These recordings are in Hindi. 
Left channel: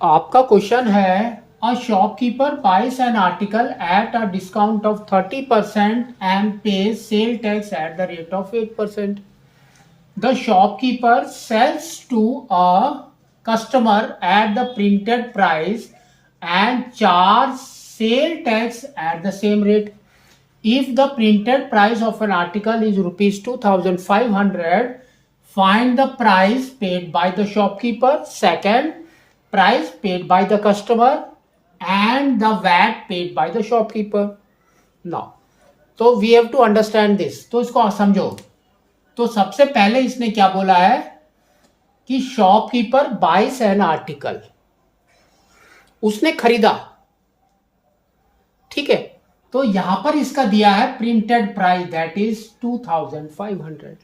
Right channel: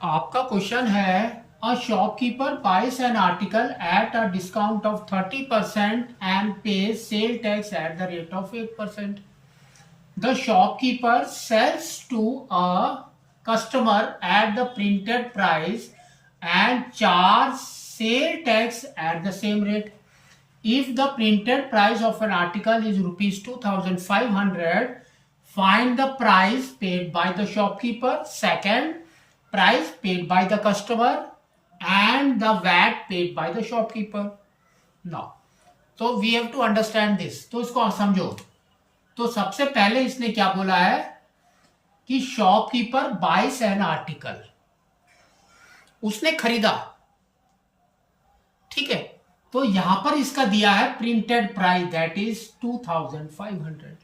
आपका क्वेश्चन है a shopkeeper buys an article at a discount of 30% and pays sale tax at the rate of 8%. The shopkeeper sells to a customer at the printed price and charge sale tax at the same rate. If the printed price of an article is rupees 2500, find the price paid by the shopkeeper. Second, price paid by the customer and the VAT paid by the shopkeeper. Now, so we have to understand this. तो इसको समझो. तो सबसे पहले इसने क्या बोला है कि शॉपकीपर बाइस एन आर्टिकल, उसने खरीदा. ठीक है, तो यहां पर इसका दिया है प्रिंटेड प्राइस दैट इज 2500.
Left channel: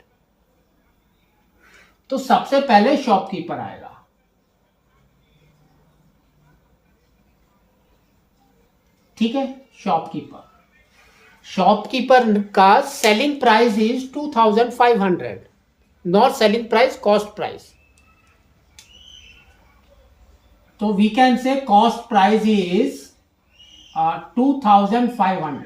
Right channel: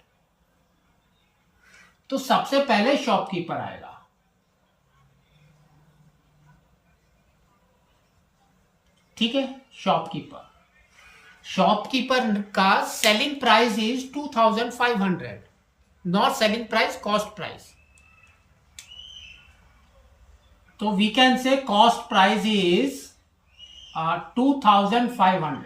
तो सबसे पहले शॉपकीपर आएगा. ठीक है, शॉपकीपर का selling price is 2500, not selling price, cost price. तो we can say cost price is 2500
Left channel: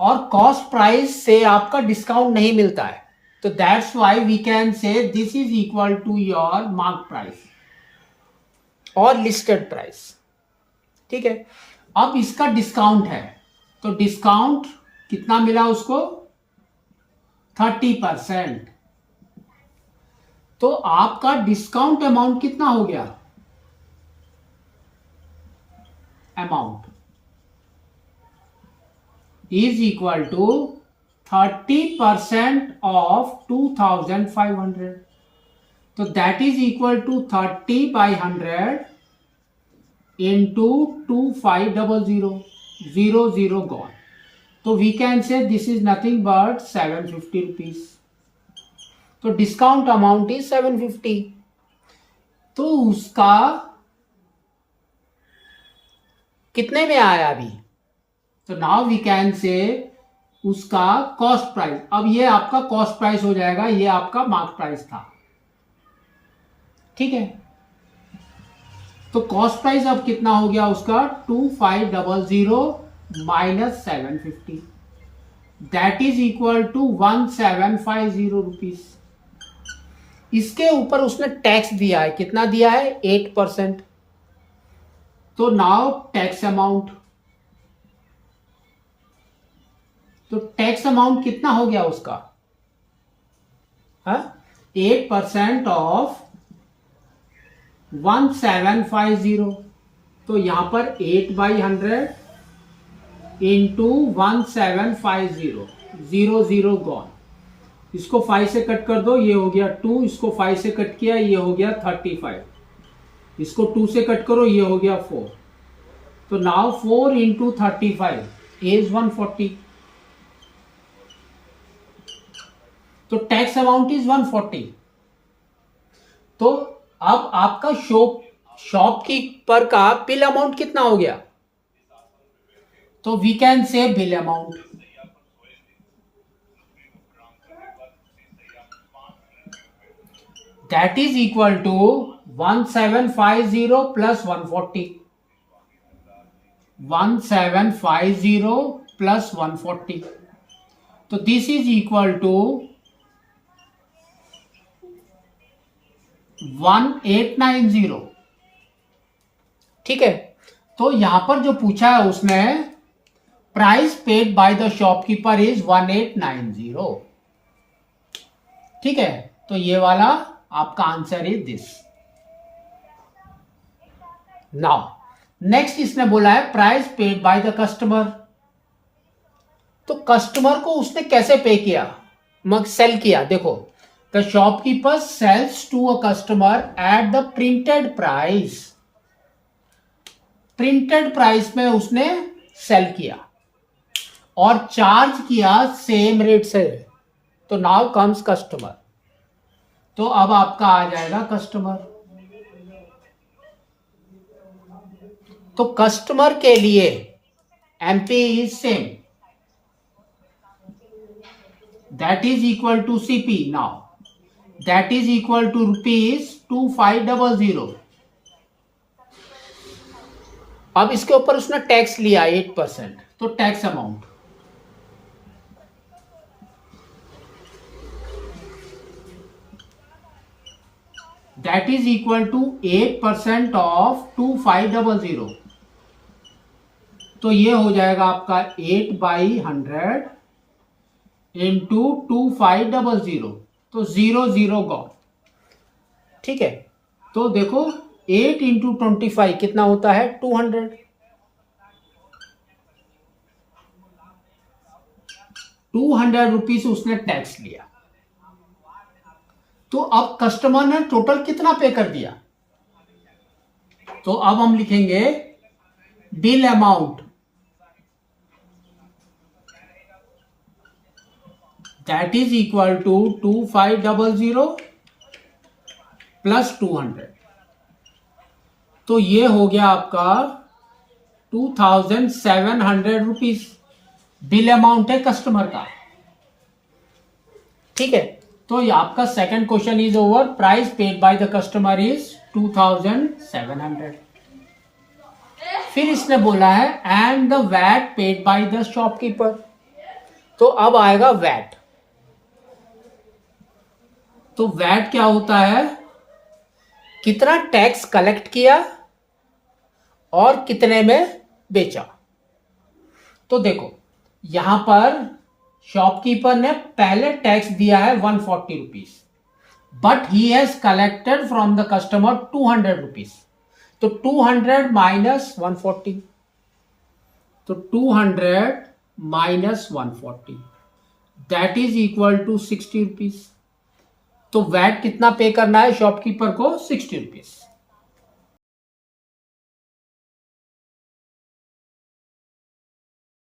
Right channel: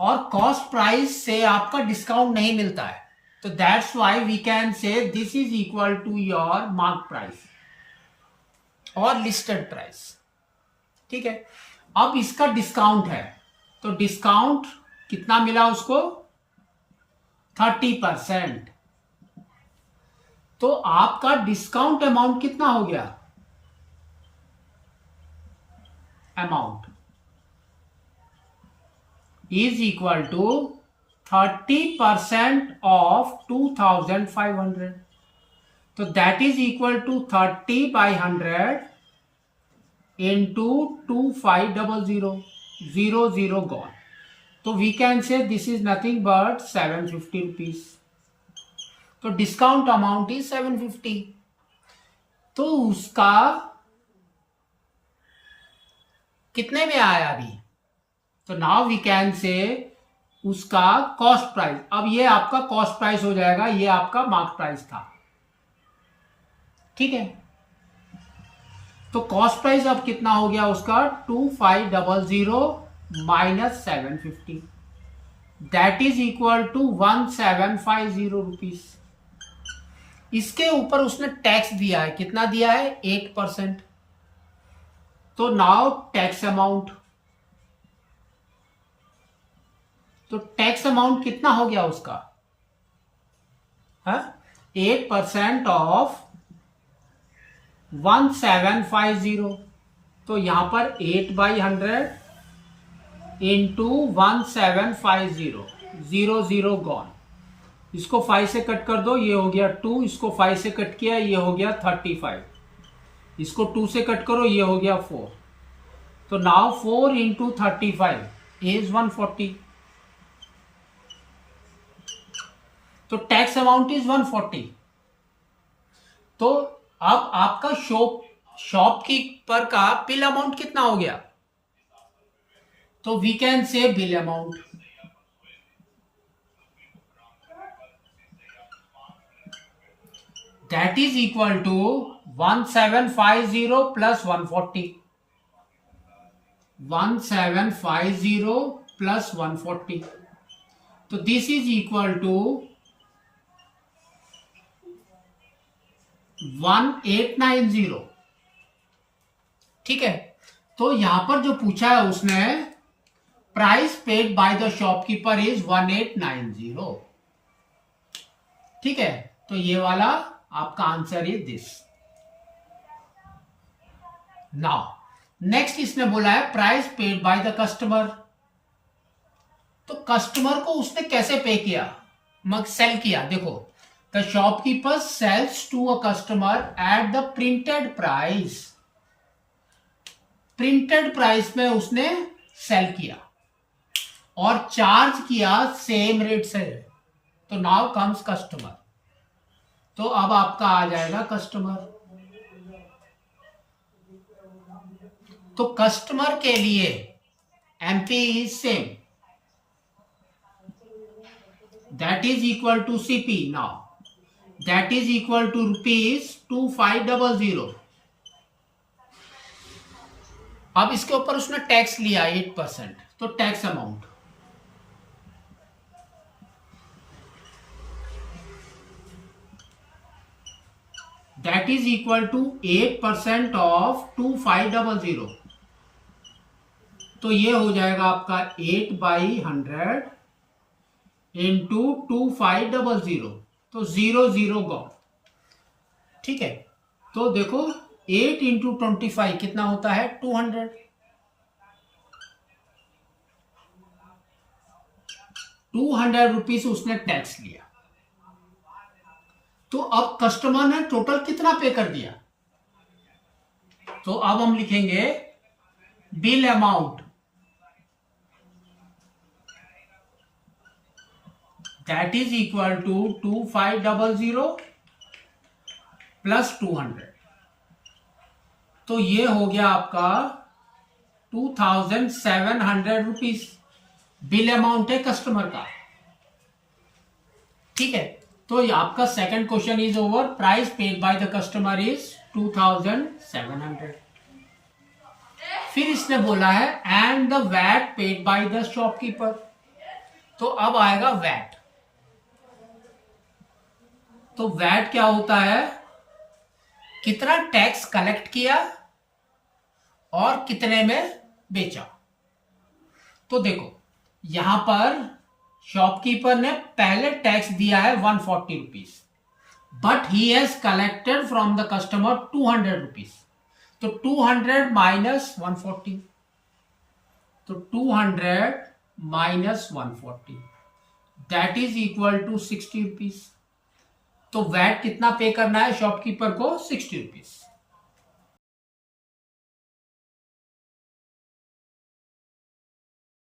और कॉस्ट प्राइस से आपका डिस्काउंट नहीं मिलता है, तो that's why we can say this is equal to your mark price और लिस्टेड प्राइस. ठीक है, अब इसका डिस्काउंट है, तो डिस्काउंट कितना मिला उसको 30%. तो आपका डिस्काउंट अमाउंट कितना हो गया, amount is equal to 30% of 2500. तो that is equal to 30/100 into 2500, 00 gone. तो we can say this is nothing but 750 rupees. तो डिस्काउंट अमाउंट इज 750. तो उसका कितने में आया अभी, तो नाउ वी कैन से उसका कॉस्ट प्राइस. अब ये आपका कॉस्ट प्राइस हो जाएगा, ये आपका मार्क प्राइस था. ठीक है, तो कॉस्ट प्राइस अब कितना हो गया उसका 2500 minus 750, that is equal to 1750 rupees. इसके ऊपर उसने टैक्स दिया है, कितना दिया है 8%. तो नाउ टैक्स अमाउंट, तो टैक्स अमाउंट कितना हो गया उसका 8% ऑफ 1750. तो यहां पर 8/100 इंटू 1750, 00 गॉन. इसको 5 से कट कर दो, ये हो गया 2. इसको 5 से कट किया, ये हो गया 35. इसको 2 से कट करो, ये हो गया 4. तो नाउ 4 इंटू 35 इज 140. तो टैक्स अमाउंट इज 140. तो अब आपका शॉपकीपर का बिल अमाउंट कितना हो गया, तो we can say bill amount that is equal to 1750 plus 140, 1750 plus 140. तो दिस इज इक्वल टू 1890. ठीक है, तो यहां पर जो पूछा है उसने price paid by the shopkeeper is 1890. ठीक है, तो ये वाला आपका answer is this. Now next इसने बोला है price paid by the customer. तो कस्टमर को उसने कैसे पे किया, सेल किया. देखो, the shopkeeper sells to a customer at the printed price. Printed price में उसने सेल किया और चार्ज किया सेम रेट से. तो नाउ कम्स कस्टमर. तो अब आपका आ जाएगा कस्टमर. तो कस्टमर के लिए MP is same, that is equal to CP. Now that is equal to rupees 2500 अब इसके ऊपर उसने टैक्स लिया 8%, तो tax amount that is equal to 8% of 2500, तो ये हो जाएगा आपका 8/100 इंटू 2500, तो 0 गॉन। ठीक है, तो देखो 8 इंटू 25 कितना होता है 200, 200 रुपीज उसने टैक्स लिया। तो अब कस्टमर ने टोटल कितना पे कर दिया, तो अब हम लिखेंगे bill amount that is equal to 2500 plus 200, तो ये हो गया आपका 2700 रुपीज बिल अमाउंट है कस्टमर का। ठीक है, तो ये आपका second question is over. Price paid by the customer is 2700। फिर इसने बोला है and the VAT paid by the shopkeeper, तो अब आएगा वैट। तो वैट क्या होता है, कितना टैक्स कलेक्ट किया और कितने में बेचा। तो देखो यहां पर शॉपकीपर ने पहले टैक्स दिया है 140 rupees, but he has collected from the customer 200 rupees, तो 200 माइनस 140, तो 200 minus 140 that is equal to 60 rupees. तो वैट कितना पे करना है शॉपकीपर को, 60 रुपीज।